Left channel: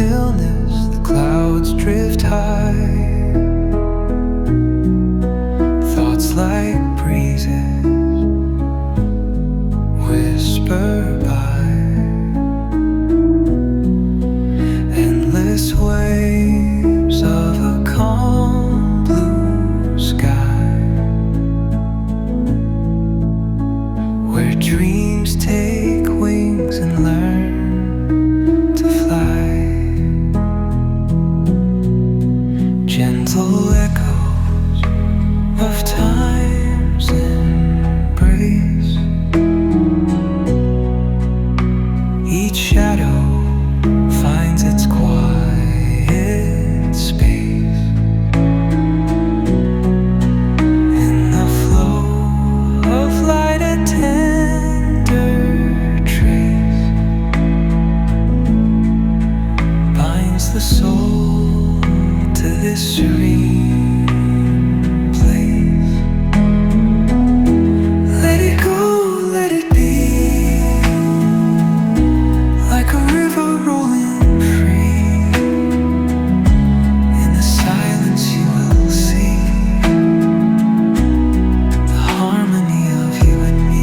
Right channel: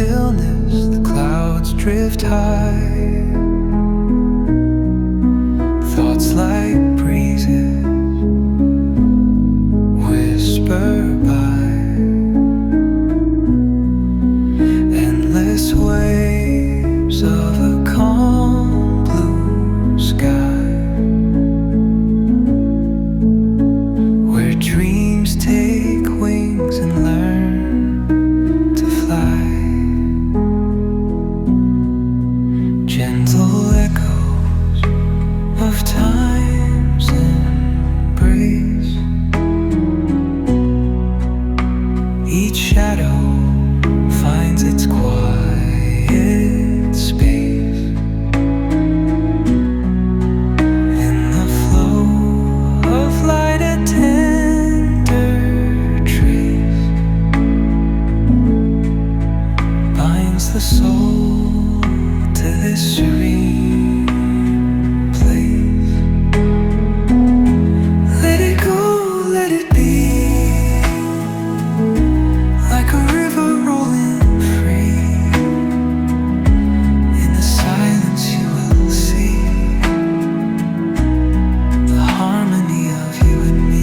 stillness, the clouds drift high. Thoughts like breezes whisper by. Endless waves of a calm blue sky, where dreams take wings and learn to fly. Gentle echoes of time's embrace. Each shadow finds its quiet space. In the flow of light, a tender trace binds the soul to this serene place. Let it go, let it be, like a river rolling free. In the silence you will see the harmony of you and me.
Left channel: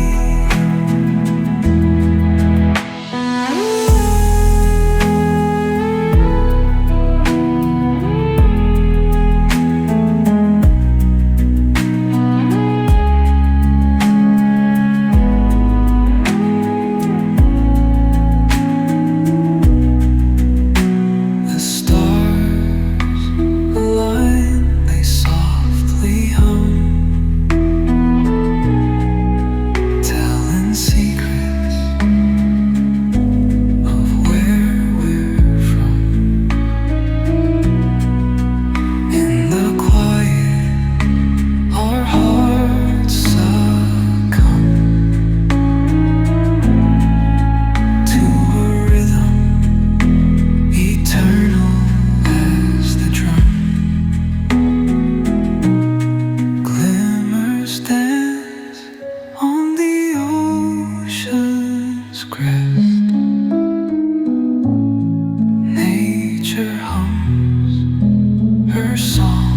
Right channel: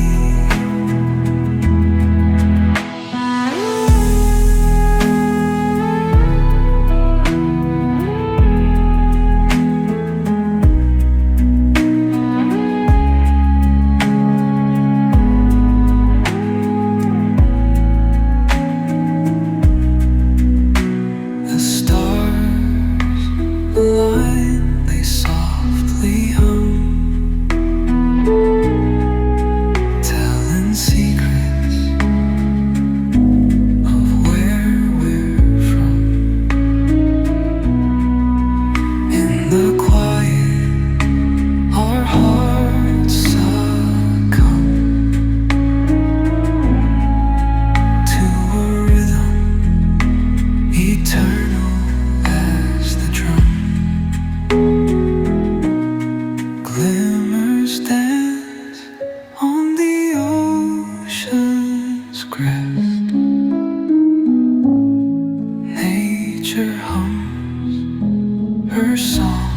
The stars align, they softly hum, telling secrets of where we're from. In the quiet, our hearts succumb to a rhythm eternal as the drum. Glimmers dance on the ocean's crest. Nature hums her song